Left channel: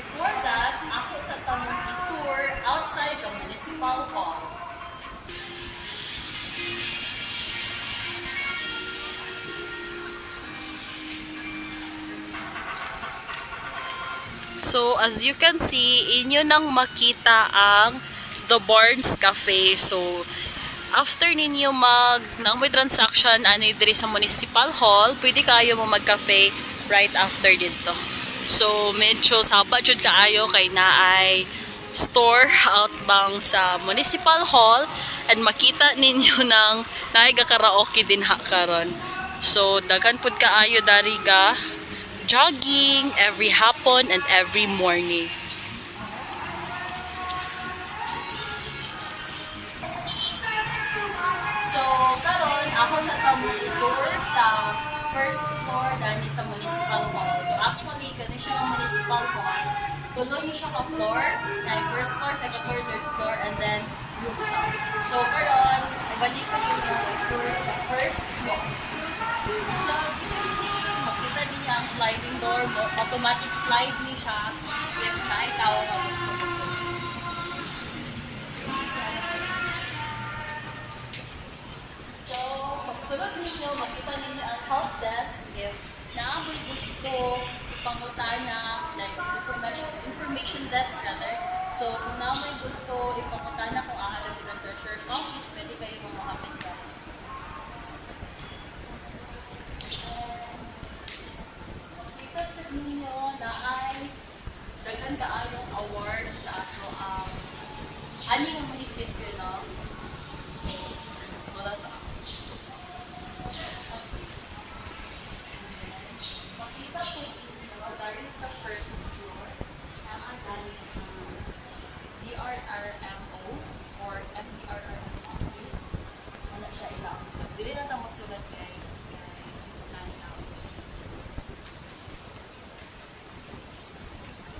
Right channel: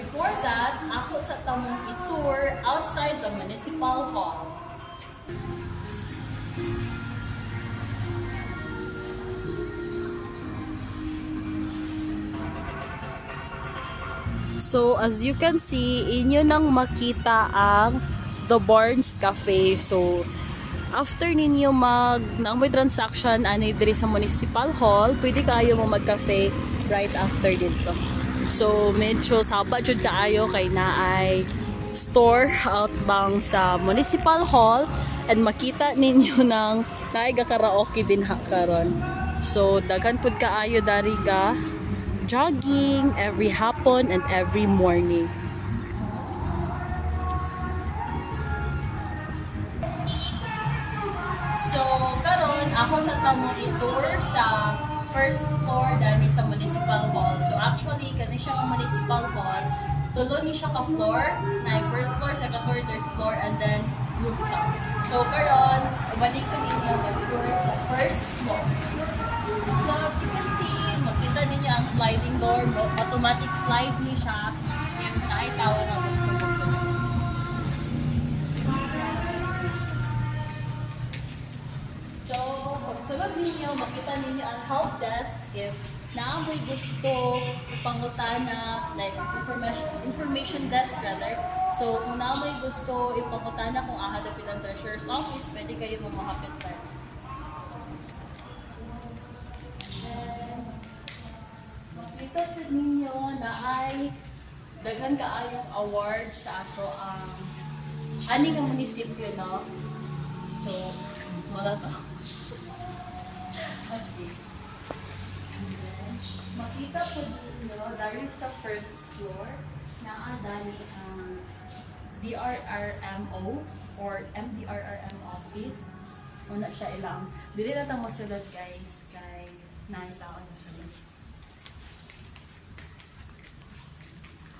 before that, ako sa tamong i-tour outside the Municipal Hall. So, as you can see, inyo nang makita ang The Barnes Cafe. So, after ninyo naamoy transaction ani diri sa Municipal Hall, pwede kayo mo mag-cafe right after dito. So, medyo saba jud kaayo kay naay store outbang sa Municipal Hall and makita ninyo nang naay karaoke din ha karon. So, daghan pud kaayo dari ga jogging every hapon and every morning. So, karon ako sa tamong i-tour sa first floor dani sa Municipal Hall. So, actually, kani siya ang Municipal Hall. Tulo ni siya ka floor, na first floor, second floor, third floor, and then rooftop. So, karon, balik ko ninyo mag-tour sa first floor. So, as you can see, makita ninyo ang sliding door. Automatic slide ni siya if kahit tao ang gusto mo. So, pagsunod ninyo, makita ninyo ang help desk if naamoy gusto pangutana, like information desk rather. So, kung naamoy gusto ipangutana kung ahadapit ang treasurer's office, pwede kayo mamahapit ka. Makita sa ninyo na ay daghan kaayong awards sa ato ang ani nga munisipyo, no? So, wala to. Makita po ninyo, dari sa first floor, naadali ang DRRMO or MDRRM office. Una siya ilang. Dili na itong masulat guys, kay nanitaon mo sa video.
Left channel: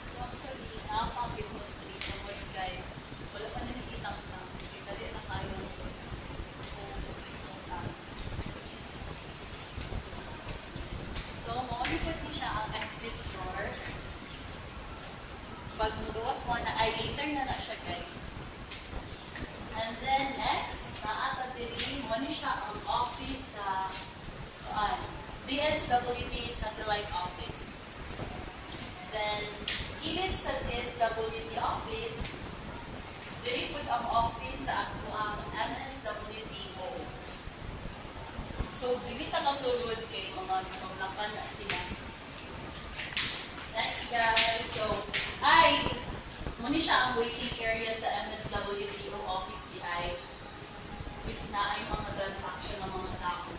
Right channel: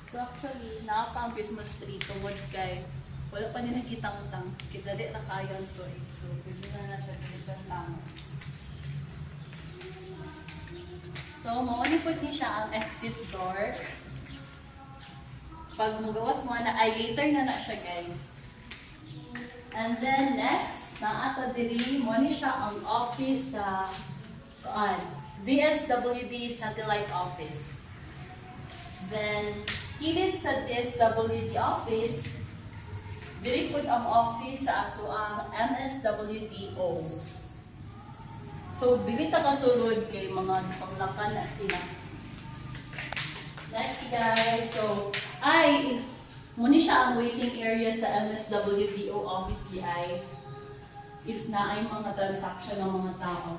So actually, nakapang business street, tungod kay wala pa nila kitang tang. Idali na kayo ito. So, gusto na siya kitang tang. So, maunipod niya siya ang exit door. Pag magawas mo na, ay later na siya guys. And then next, naata dili mo ni siya ang office sa DSWD Satellite Office. Then, kilid sa DSWD office, dili pud ang office sa ato ang MSWDO. So, dili ta kasulod kay mga panglakan na sila. Next guys, so, if muna siya ang waiting area sa MSWDO office di ay if na ay mga transaction ng mga tao.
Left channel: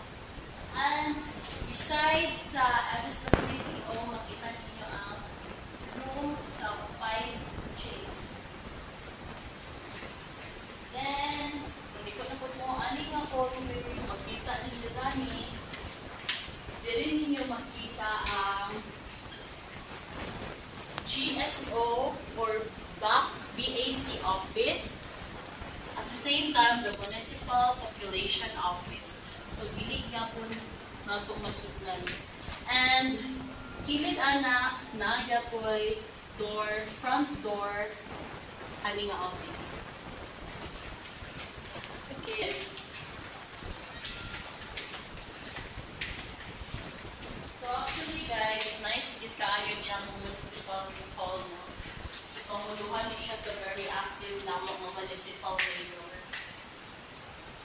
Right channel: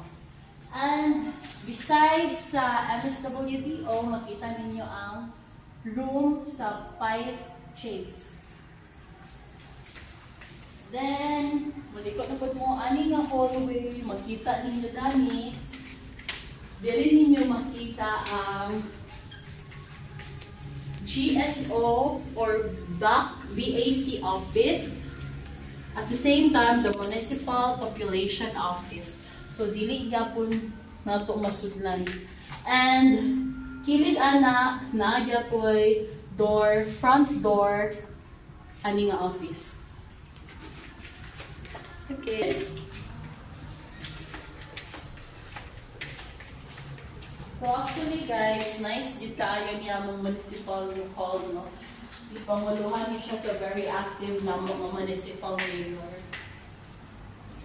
And besides sa MSWDO, makita ninyo ang room sa Pipe Chase. Then, balikot na po mo, ani nga ko, makita ninyo gani. Dili ninyo makita ang GSO or BAC office. At the same time, the Municipal Population Office. So, dili gyapon nato masudlan. And, kilid ana, nagyapoy door, front door, ani nga office. Okay. So actually guys, nice yun kaayo niya mong municipal hall, no? Ipamuluhan niya siya sa very active na mga municipal mayor.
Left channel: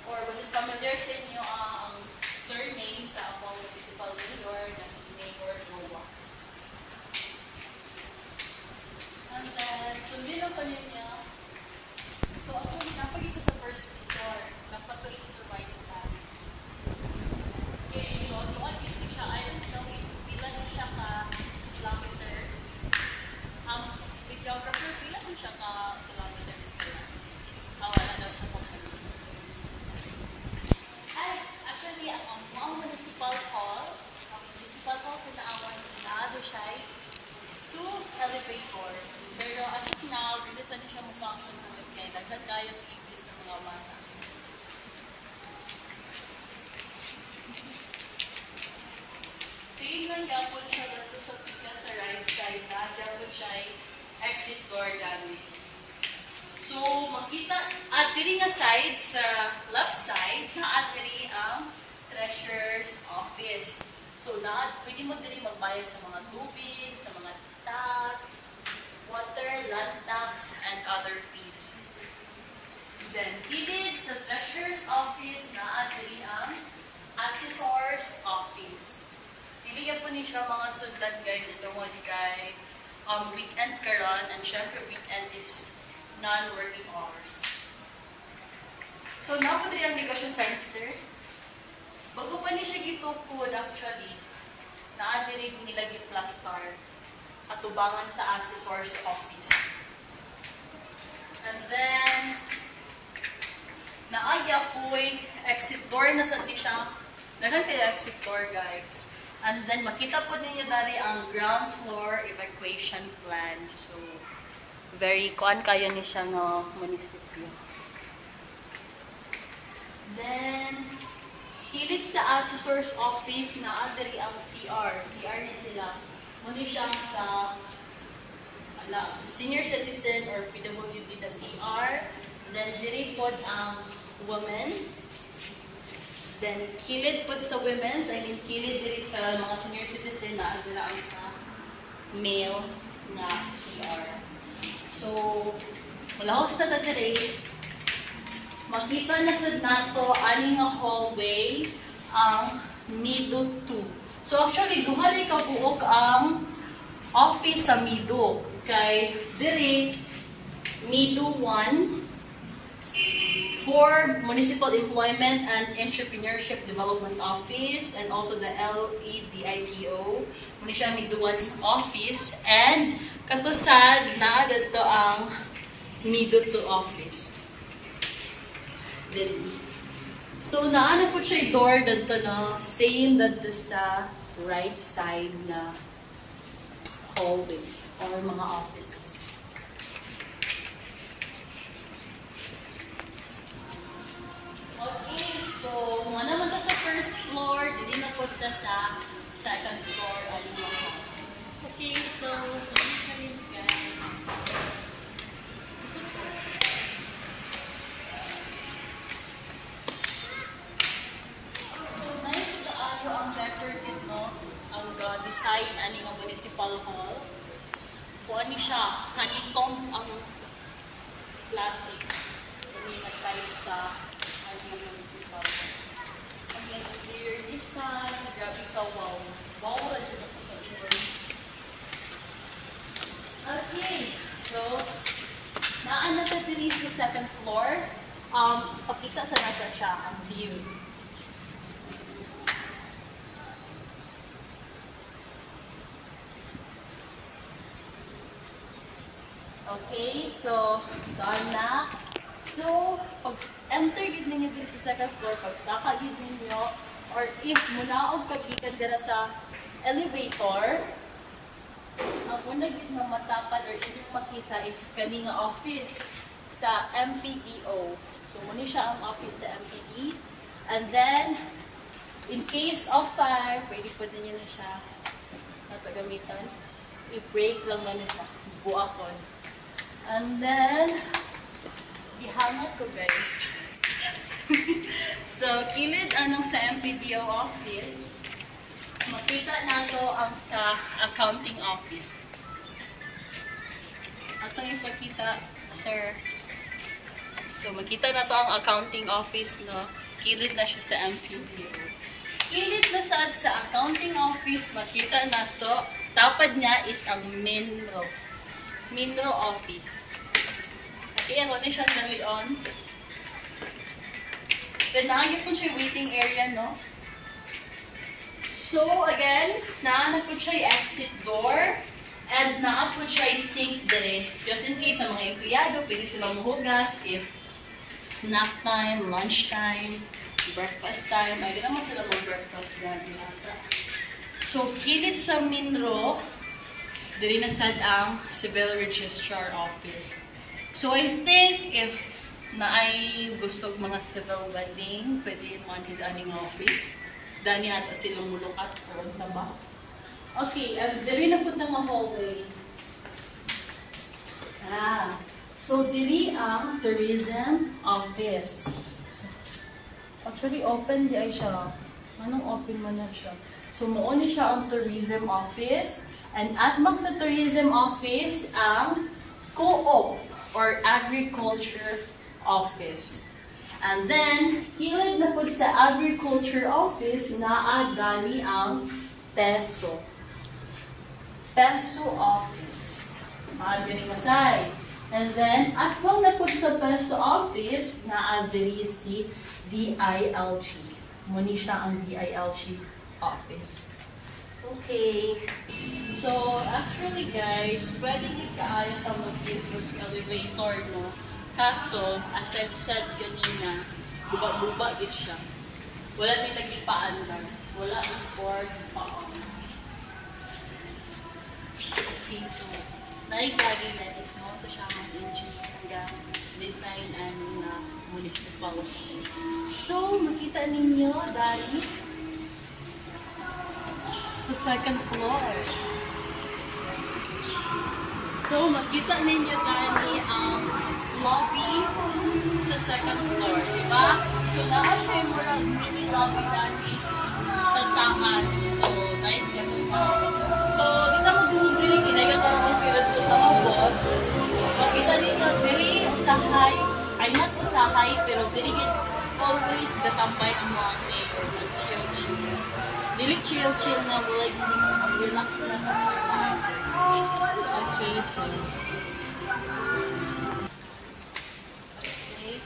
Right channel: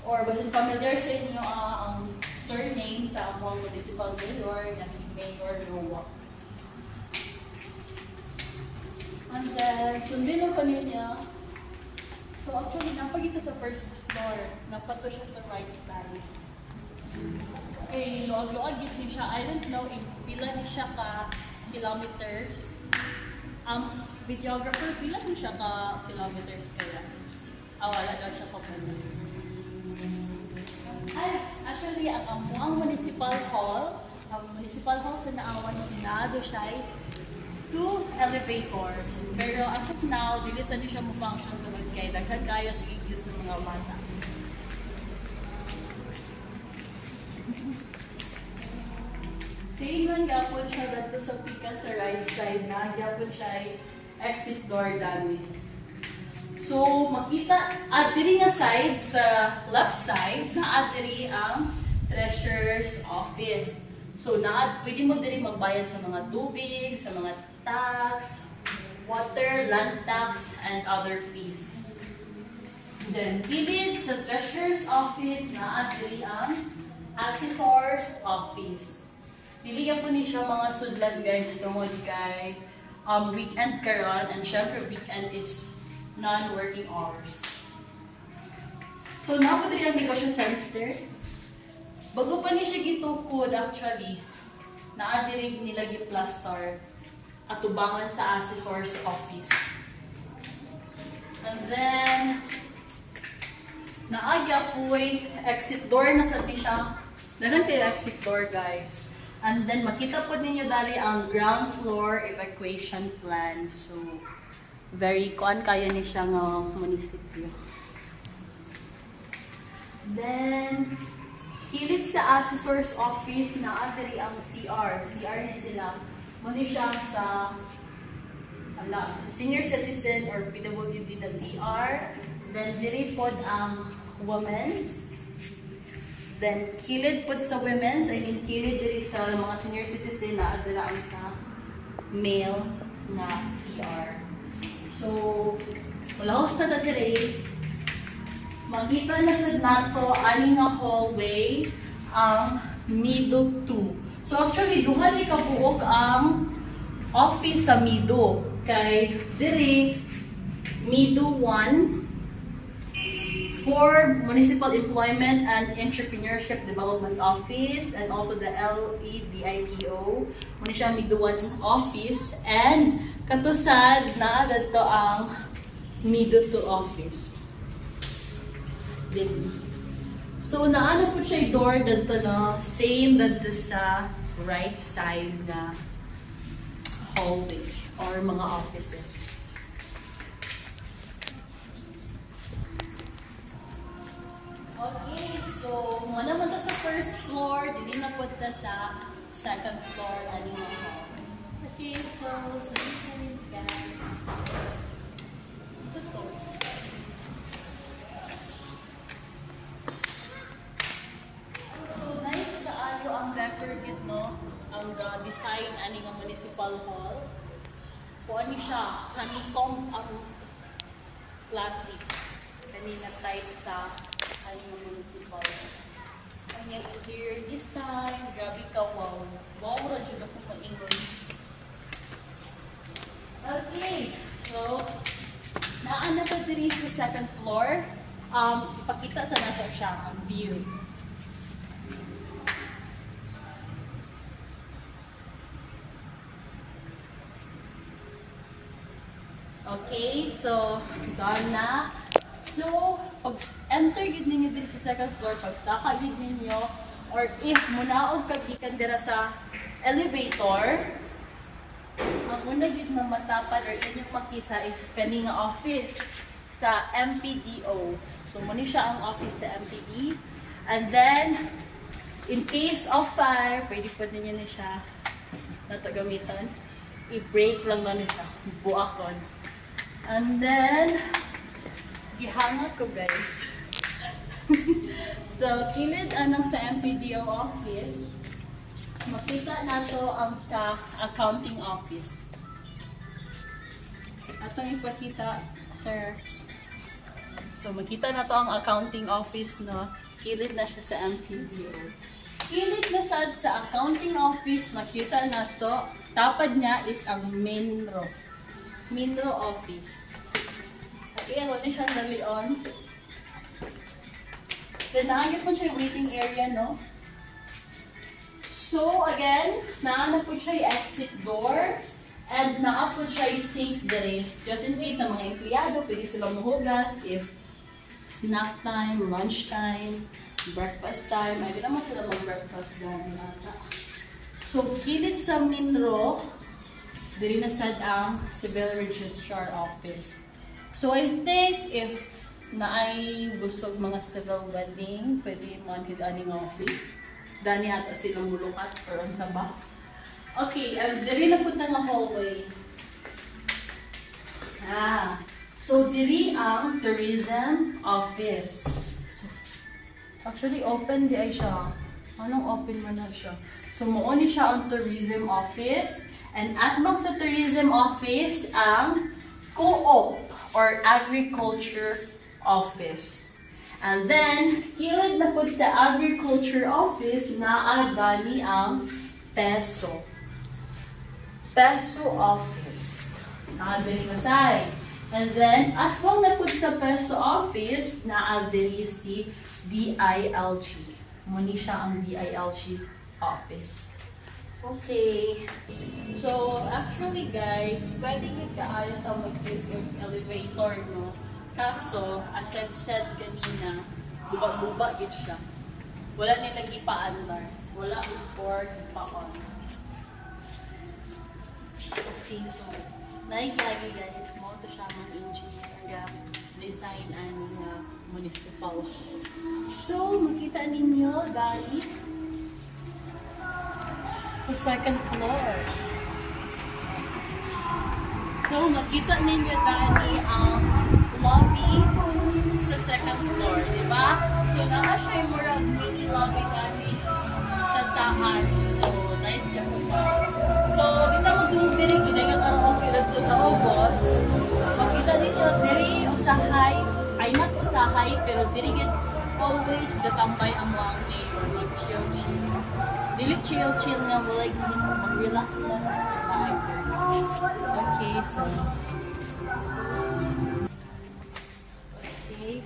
Or was it familiar sa inyo ang surname sa among municipal mayor na si Mayor Noah? And then, sundin ko niya. So actually, napagita sa first floor. Napato siya sa right side. Okay, load dito siya. I don't know if pila siya ka kilometers. Ang videographer, pila siya ka kilometers kaya. Wala daw siya pa puno. Actually, ang municipal hall sa naawan mo nado siya 2 elevators. Pero as of now, dili sa niya siya mo-function doon kay daghan kayo sa English ng mga bata. Same man yapon siya dito sa pika sa right side na. Yapon siya exit door dani. So makita at diri nga side sa left side naa diri ang treasurer's office. So pwede mo diri magbayad sa mga tubig, sa mga tax, water, land tax, and other fees. Then, gilid sa treasurer's office na diri ang assessor's office. Dili po ni siya mga sudlan guys tungod kay weekend karon, and syempre weekend is non-working hours. So, napo diri ang negosyo center. Bago pa ni siya gitukod actually, naa diri nila gi-plaster at tubangan sa assessor's office. And then, naagya po'y exit door na sa di siya. Dagan kayo exit door, guys. And then, makita po ninyo dali ang ground floor evacuation plan. So, very kuan kayo ni siya ng munisipyo. Then, hilit sa assessor's office na diri ang CR. CR niya sila. Muna siya sa senior citizen or PWD na CR. Then, diri pod ang women's. Then, kilid pod sa women's. I mean, kilid diri sa mga senior citizen na adala ang sa male na CR. So, mula host na diri, makita na sa nato ani nga hallway ang Mido 2. So actually, duha ni kabuok ang office sa Mido. Kay diri Mido 1 for Municipal Employment and Entrepreneurship Development Office and also the LEDIPO. Muna siya Mido 1 office and katusad na dito ang Mido 2 office. Then, so, naano po siya door dito na same dito sa right side na hallway or mga offices. Okay, so, naman na sa first floor, dili na po na sa second floor. Okay, so, sabi ka rin guys. Design ani nga municipal hall. O ani siya, honeycomb ang plastic. Ani na type sa ani nga municipal hall. Ani interior design, grabe ka, wow. Wow, wala dyan ako mag-inroom. Okay, so, naan na ito diri sa second floor. Ipakita sa natin siya ang view. Okay, so, done na. So, pag enter yun ninyo din sa second floor, pag saka yun ninyo, or if munaog kagikan dira sa elevator, ang una yun mamatapan or inyong makita is kaninga office sa MPDO. So, muna siya ang office sa MPD. And then, in case of fire, pwede pa din yun na siya natagamitan. I-break lang na siya. Buakon. And then, gihangat ko guys. So, kilid anong sa MPDO office, makita nato ang sa accounting office. Atong ipakita, sir. So, makita na to ang accounting office, no? Kilid na siya sa MPDO. Kilid na sad sa accounting office, makita na to, tapad niya is ang Minro office. Okay, ano ni siya dali on. Then, naagin po siya waiting area, no? So, again, naana po siya exit door. And naa po siya sink dire. Just in case sa mga empleyado, pwede silang mahugas if snack time, lunch time, breakfast time. Ay, naman sila mag-breakfast na nata. So, kilid sa Minro, diri na sad ang Civil Registrar Office. So, I think if naay gusto mga civil wedding, pwede manhid aning office. Dani ata silang mulukat or sa back. Okay, and diri na punta nga hallway. So, diri ang tourism office. So, actually, open di ay siya. Anong open mo na siya? So, muuni siya ang tourism office. And at bang sa tourism office, ang co-op or agriculture office. And then, kilid na po sa agriculture office na gani ang peso. Peso office. Naadiri kasay. And then, at bang na po sa peso office, naadiri si DILG. Muni siya ang DILG office. Okay. So, actually guys, pwede nyo kaayon ang mag-use ng elevator, no? Kaso, as I've said kanina, buba-buba din siya. Wala nang nagpa-under. Wala ang board pa-on. Okay, so, naikagi guys, mo ito siya mga engineer hanggang design and municipal. So, makita ninyo, dali, sa second floor. So, makita ninyo dali ang lobby sa second floor, di ba? So, naa siya yung murag mini lobby dali sa taas. So, nice yan mo. So, dito mo dili ginaya ka ang pirato sa robots. Makita ninyo, dili usahay, ay not usahay, pero dili always gatambay ang mga mayor, mag-chill-chill. Dili chill-chill na mo, like, hindi mo mag-relax na lang. Okay, so. Okay,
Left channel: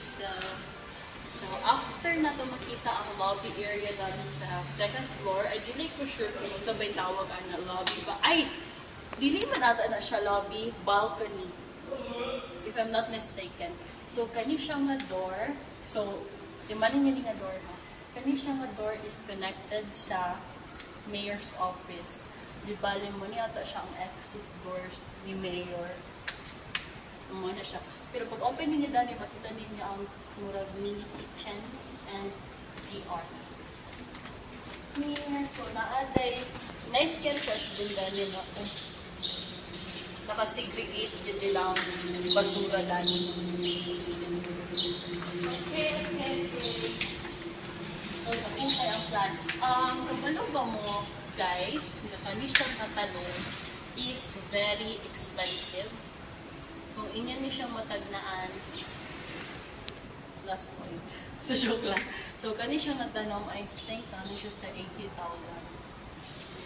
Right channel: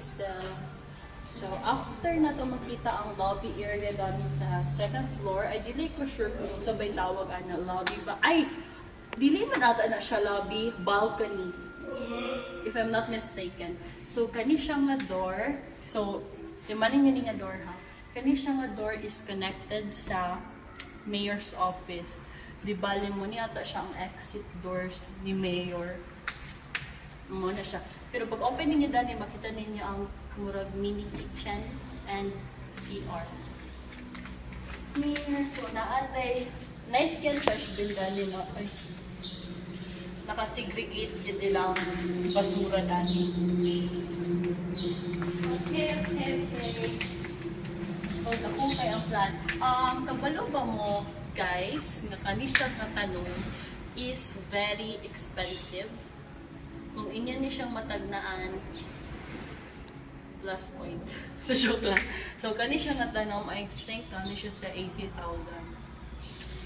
so after na to makita ang lobby area dito sa second floor, ay dili ko sure kung sabay tawag na lobby ba. Ay, dili man ata na siya lobby, balcony. If I'm not mistaken. So, kani siya nga door. So, timanin nga door ha. Kani siya nga door is connected sa mayor's office. Di bali mo ni ata siya ang exit doors ni mayor. Mo na siya. Pero pag open ninyo dani, makita ninyo ang murag mini kitchen and CR. So, naatay nice kitchen din dani no. Naka-segregate din nila ang basura dani. Okay. So, kung kayo ang plan. Kabalo ba mo, guys, na kanisang tatanong is very expensive. Kung inyo ni siyang matagnaan, last point. Sa joke lang. So, kanisang tatanong, I think, kani siya sa 80,000.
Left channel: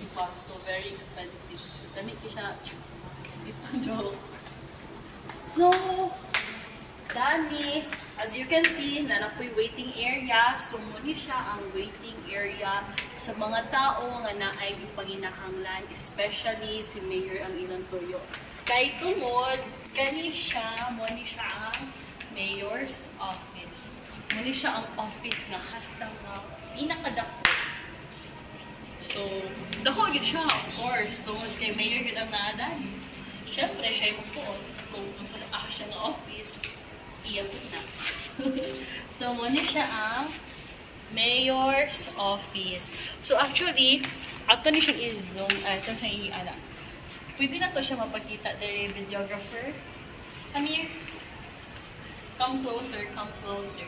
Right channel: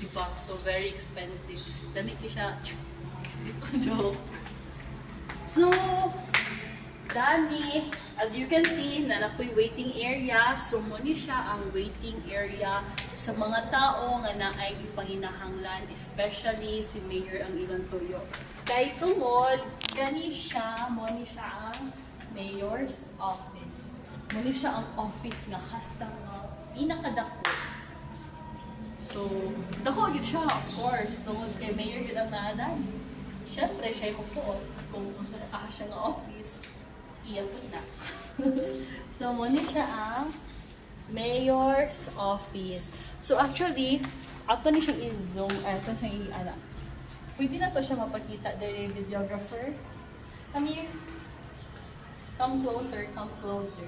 Diba? So, very expensive. Dami siya, joke. So, Dani, as you can see, nanapoy waiting area. So, muni siya ang waiting area sa mga tao nga naay panginahanglan, especially si Mayor ang ilang toyo. Kay tungod, muni siya ang Mayor's office. Muni siya ang office nga hasta nga pinakadako. So, dako yun siya, of course. Tungod kay Mayor yun ang naadan. Siyempre, siya yung kung sa siya ng office. Iyabot na. So, muna siya ang mayor's office. So, actually, ato ni siyang i-zoom. Ito siyang i-anak. Pwede na to siya mapakita. There videographer. Come here. Come closer. Come closer.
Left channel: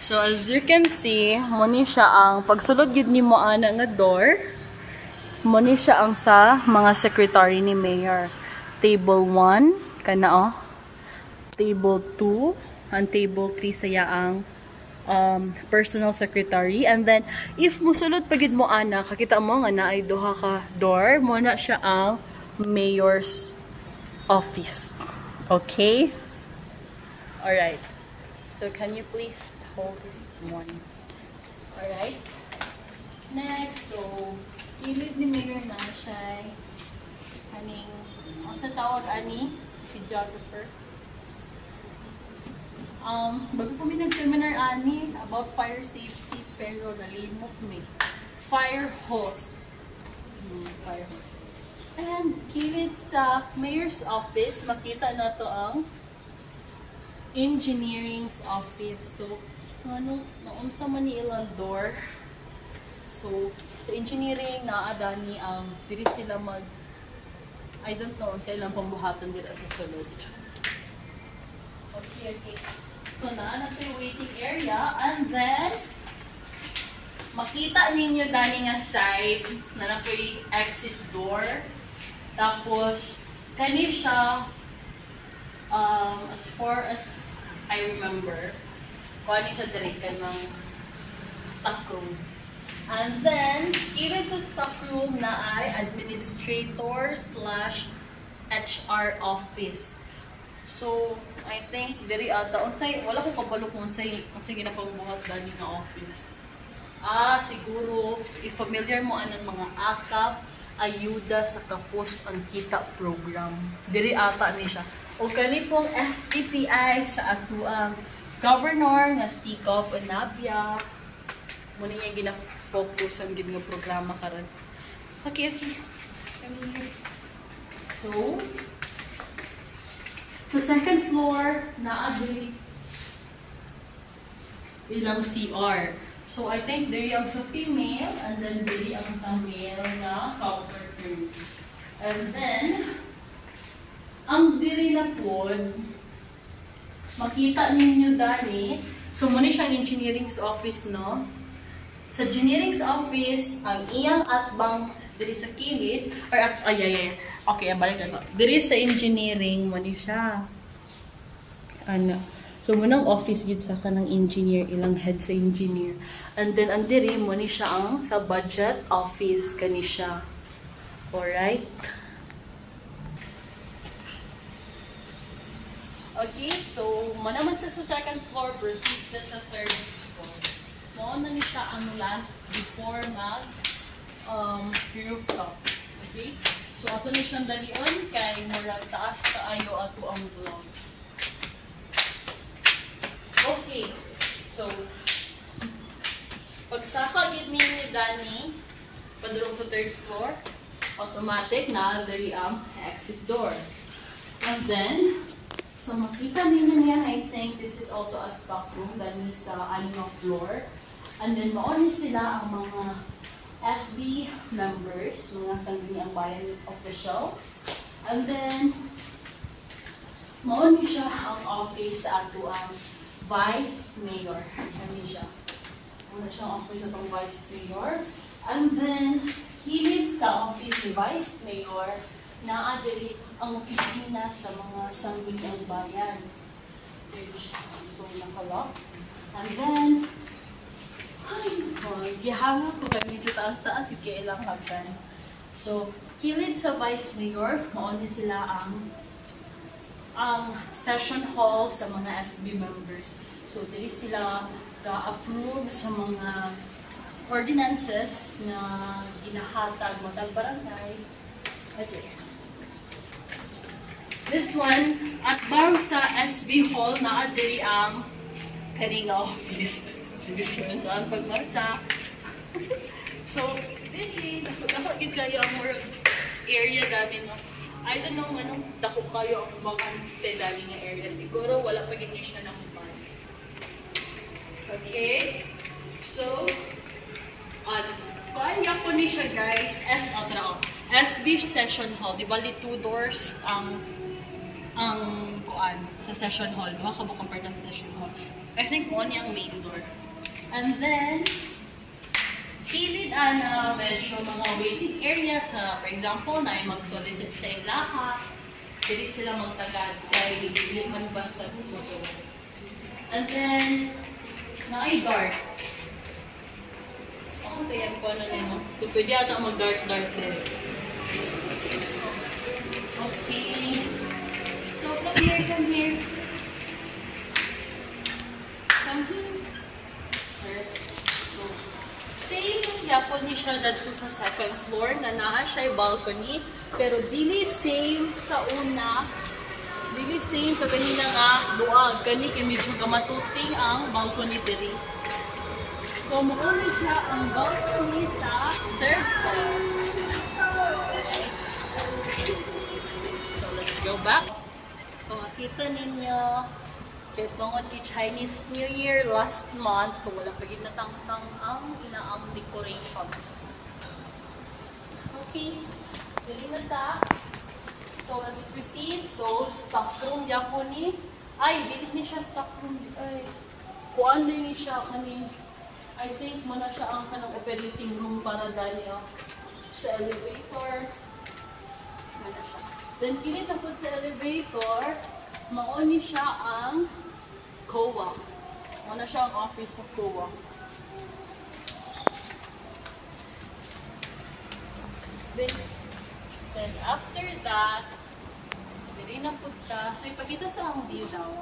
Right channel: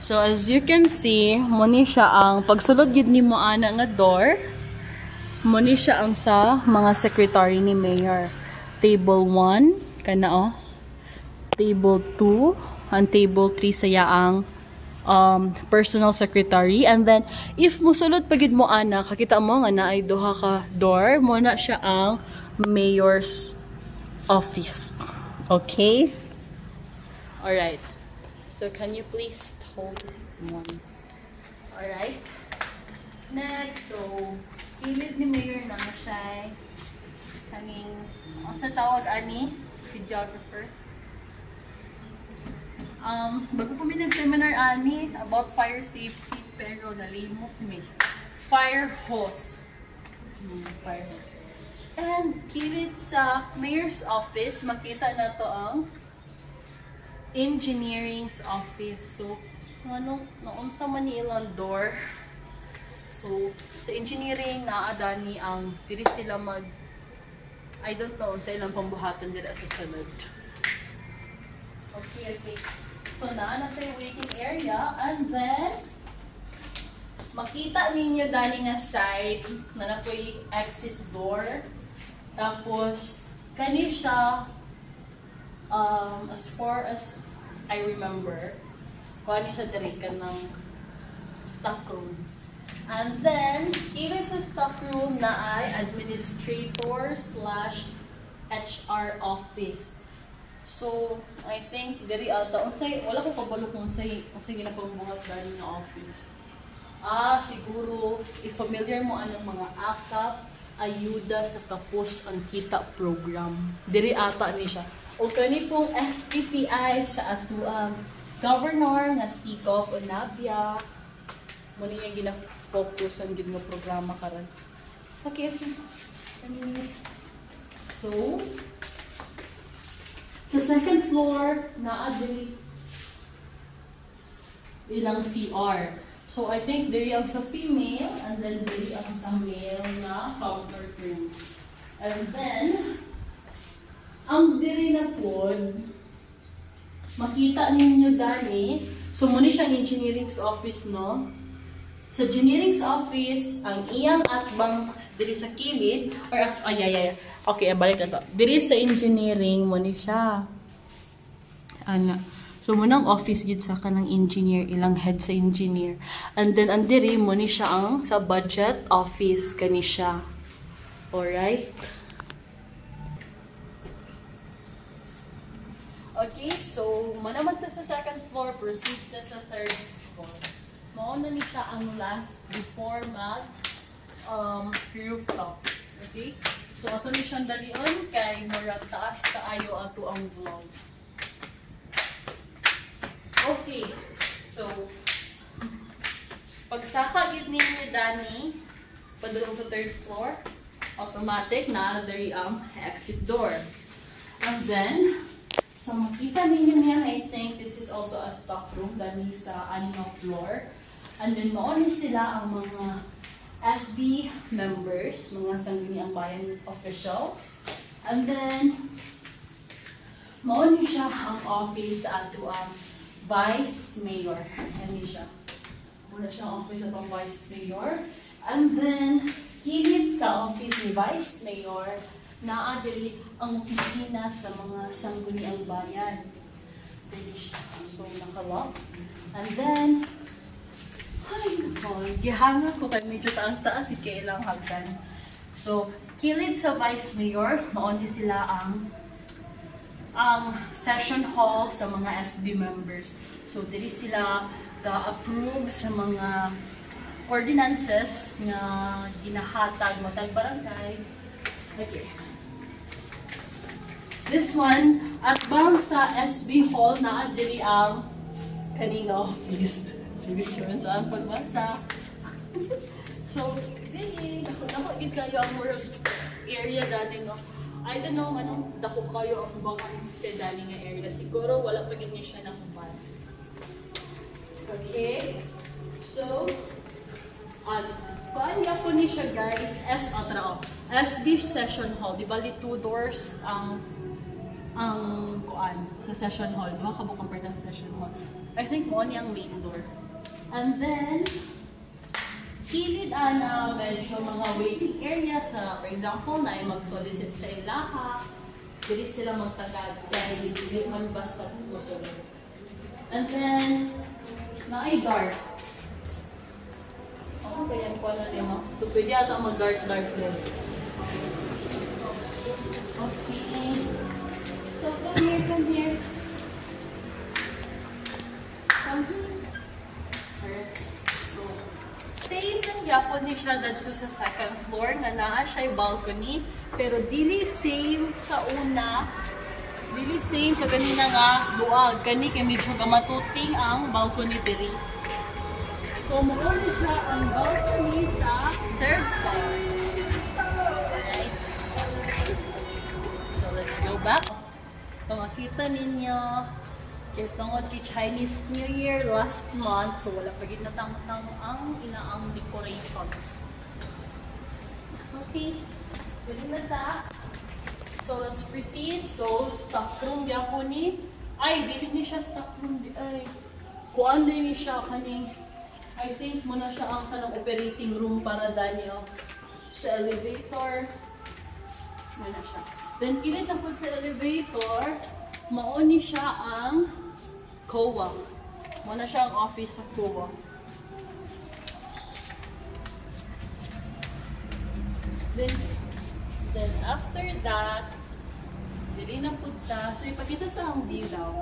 So, as you can see, muna siya ang pagsulod yun ni mo ana nga door. Muna siya ang sa mga secretary ni mayor. Table 1. Kana oh. Table 2, and table 3 saya ang personal secretary. And then, if musulod pagid mo ana, kakita mo nga na ay duha ka door, mo na siya ang mayor's office. Okay? Alright. So, can you please hold this one? Alright? Next, so, kilid ni mayor na siya kaning, ang sa tawag ani, videographer. Bago po may nag-seminar ani about fire safety, pero nalimot me. Fire hose. Fire hose. And kilid sa mayor's office, makita na to ang engineering's office. So, naunsa man ni ilang door. So, sa engineering, naadani ang diri sila I don't know, sa ilang pambuhatan dira sa sunod. Okay, okay. So, na sa waiting area. And then, makita ninyo dali nga side na napoy exit door. Tapos, kani siya, as far as I remember, kani siya dali ka ng stock room. And then, even sa stock room na ay administrator/HR office. So, I think diri ata unsay wala ko kabalo kung unsay ginapambuhat dani nga office. Siguro i-familiar mo anang mga AKAP, ayuda sa kapos ang kita program. Diri ata ni siya. O kani pong STPI sa atuang governor nga si Gov Anabia. Muna nga gina-focus ang gid nga programa karon. Okay. So, sa second floor, naadiri ilang CR. So, I think diri ang sa female, and then diri ang sa male na comfort room. And then, ang diri na pod, makita ninyo dani, so muna siyang engineering office, no? Sa engineering office, ang iyang atbang diri sa kilid, or okay, balik na to. Diri sa engineering, mo ni siya. So, munang office gid sa kanang engineer, ilang head sa engineer. And then, ang diri, mo ni siya ang sa budget office, kani siya. Alright? Okay, so, manaman ta sa second floor, proceed ta sa third floor. Mao na ni siya ang last before mag rooftop. Okay? So, ato ni siyang dalion kay mura taas kaayo ato ang vlog. Okay. So, pagsaka gid ninyo dani padulong sa third floor, automatic na diri ang exit door. And then, so makita ninyo niya, I think this is also a stock room dani sa anong floor. And then, mauni sila ang mga SB members, mga sangguniang bayan officials. And then, mauni siya ang office sa ato ang Vice Mayor. Ano siya? Muna siyang office atong Vice Mayor. And then, kilid sa office ni Vice Mayor, naadiri ang opisina sa mga sangguniang bayan. So, nakalock. And then, gihanga ko kami dito taas-taas, sige ilang hagdan. So, kilid sa Vice Mayor, mauni sila ang session hall sa mga SB members. So, dili sila ga-approve sa mga ordinances na ginahatag matag barangay. Okay. This one, at bang sa SB hall, naadiri ang kaninga office. Different ang pagbasa. So, dili, nakakagid kayo ang area dati, no? I don't know man, dako kayo ang bakante dali nga area. Siguro wala pa gid siya nakupan. Okay? So, kuan ya po ni siya guys, SB session hall. Di bali 2 doors ang kuan sa session hall. Duha ka bukang part ng session hall. I think mo ni ang main door. And then, kilid medyo mga waiting area sa, for example, na ay mag-solicit sa ilaha, dili sila magtagad kay hindi man basta puso. And then, na ay guard. Kaya ko na rin, no? So, pwede ata mag-guard din. Okay. So, come here. Come here. Same yung yapon ni siya dito sa second floor na naa siya balcony, pero dili same sa una, dili same kaganina nga luwag kani kay medyo gamatuting ang balcony diri. So muuli siya ang balcony sa third floor. Okay. So let's go back. Kung makita ninyo, kaya tungod kay Chinese New Year last month, so wala pa ginatang-tang ang ilaang decorations. Okay, dali na ta. So let's proceed. So stock room yapon ni Ay, dili ni siya stock room. Ay, kuan din ni siya kani. I think mo na siya ang kanang operating room para dani sa elevator. Ano siya. Then kini tapos sa elevator, mao ni siya ang COA. Mao na siya ang office of COA. Then after that, dili na pud ka. So ipakita sa ang view daw.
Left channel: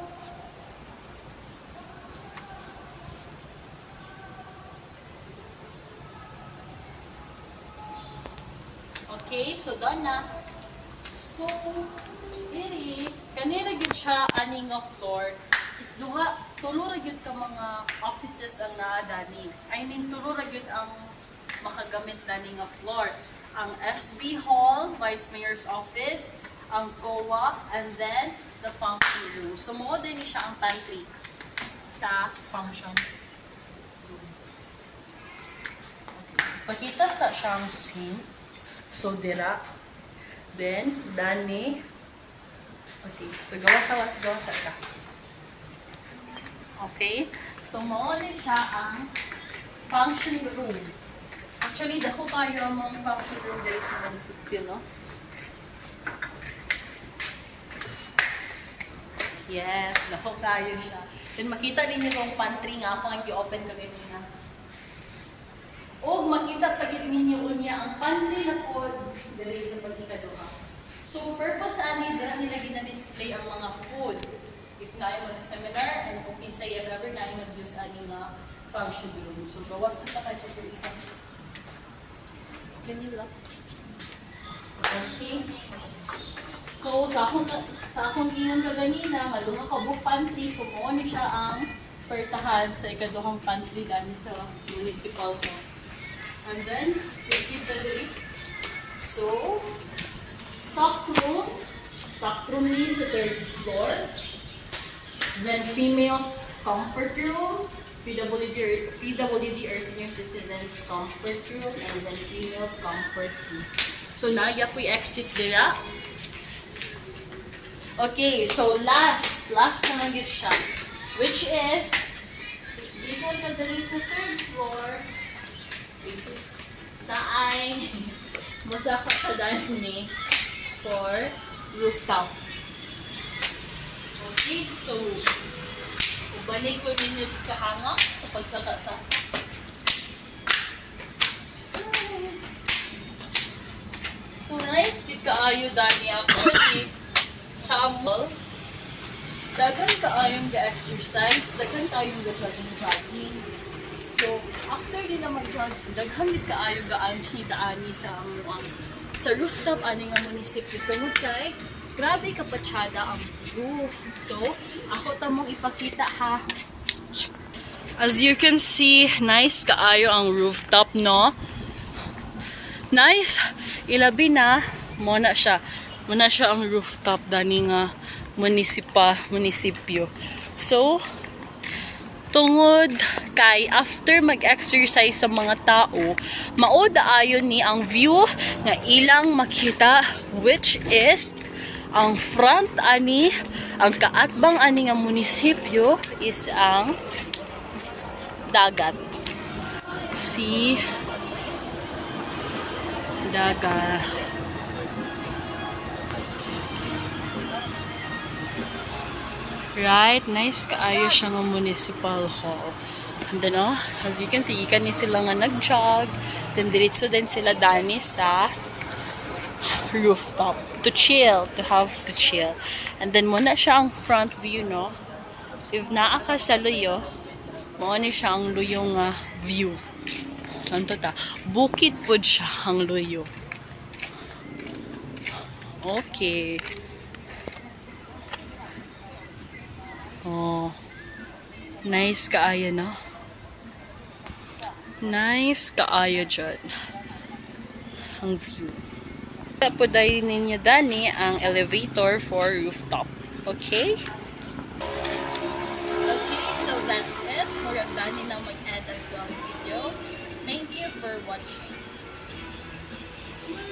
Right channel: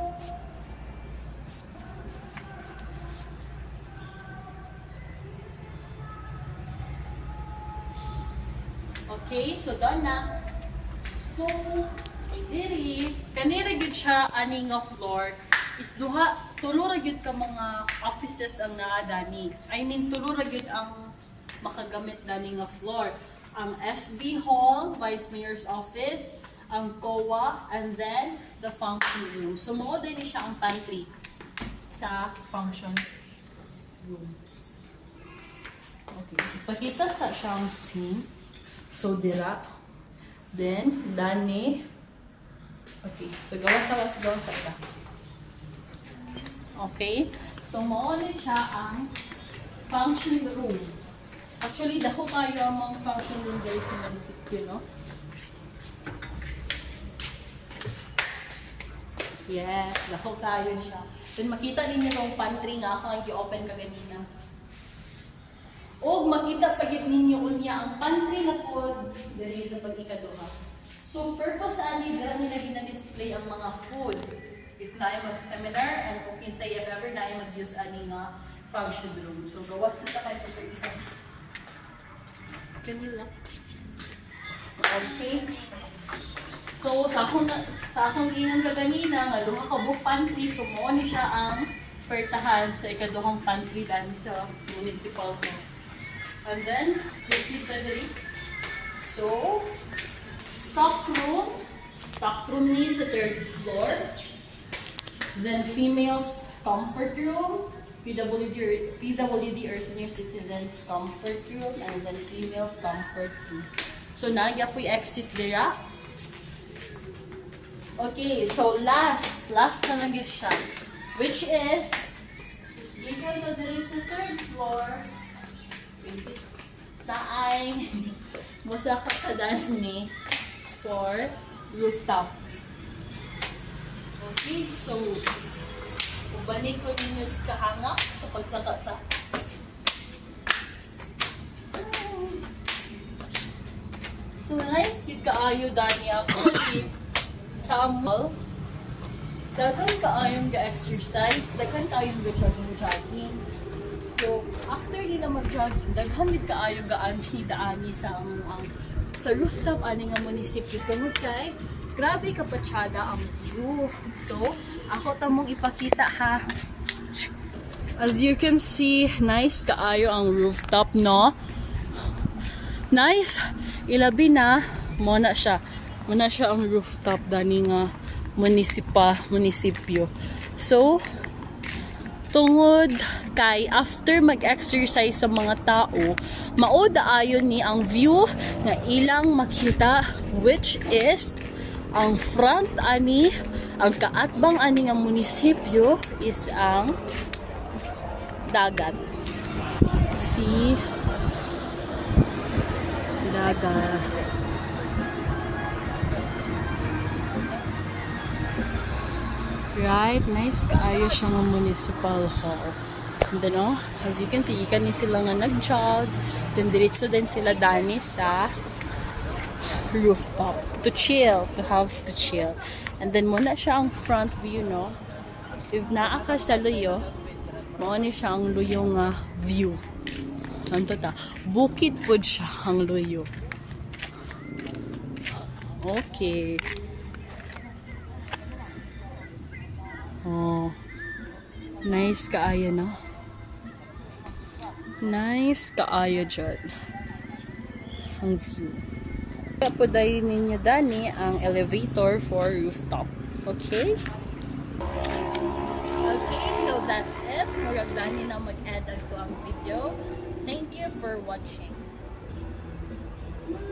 Okay, so done na. So diri kanira gyud siya ani nga floor is tulo ra gyud ka mga offices ang naa dani. I mean tulo ra gyud ang makagamit dani nga floor. Ang SB Hall, Vice Mayor's Office, ang COA, and then the function room. So, mo din siya ang pantry sa function room. Okay. Ipakita sa siyang scene. So, dira. Then, dani. Okay. So, gawas ta. Okay. So, mo din siya ang function room. Actually, dako kayo mga function room dito sa munisipyo, no? Yes, dako kayo siya. Then makita ninyo itong pantry nga ako ang i-open ka ganina. O makita pa ninyo unya ang pantry na pod dili sa pag-ikaduha. So, purpose ani dira nila gina-display ang mga food. If na mag-seminar and kung kinsay if ever na mag-use ani nga function room. So, gawas na tayo sa pag-ikaduha. Okay. So, sa akong ingon ka ganina, nga duha ka book pantry, so mo ni siya ang pertahan sa ikaduhang pantry dani sa municipal hall. And then, proceed na dali. So, stock room ni sa 3rd floor. Then, females comfort room. PWD or senior citizens comfort room, and then females comfort room. So nagya po exit dira. Okay, so last na lang gid siya, which is gikan ka dali sa 3rd floor. Taay musa ka sa dani for rooftop. Okay, so balik ko ninyo sa kahanga sa pagsaka-saka. So nice, bit kaayo dani ako sa mall. Dagan kaayong ga-exercise, dagan kaayong ga-jogging. So after nila mag-jogging, daghan bit kaayo ga-anti daani sa sa rooftop ani nga munisipyo tungod kay grabe kapatsyada ang view. So, ako tamong ipakita ha. As you can see, nice kaayo ang rooftop, no? Nice. Ilabi na, muna siya. Muna siya ang rooftop dani nga munisipyo. So, tungod kay after mag-exercise sa mga tao, maod ayon ni ang view nga ilang makita, which is ang front ani, ang kaatbang ani nga munisipyo is ang dagat. See? Dagat. Right? Nice kaayo siya nga municipal hall. And then, as you can see, ikan ni sila nga nag-jog. Then, diretso din sila dani sa rooftop to chill, to chill. And then muna siya ang front view, no? If naa ka sa luyo, mao ni siya ang luyong view. Santo ta, bukid pod siya ang luyo. Okay. Oh. Nice kaayo, no? Nice kaayo dyan. Ang view. Pudayin ninyo dani ang elevator for rooftop. Okay?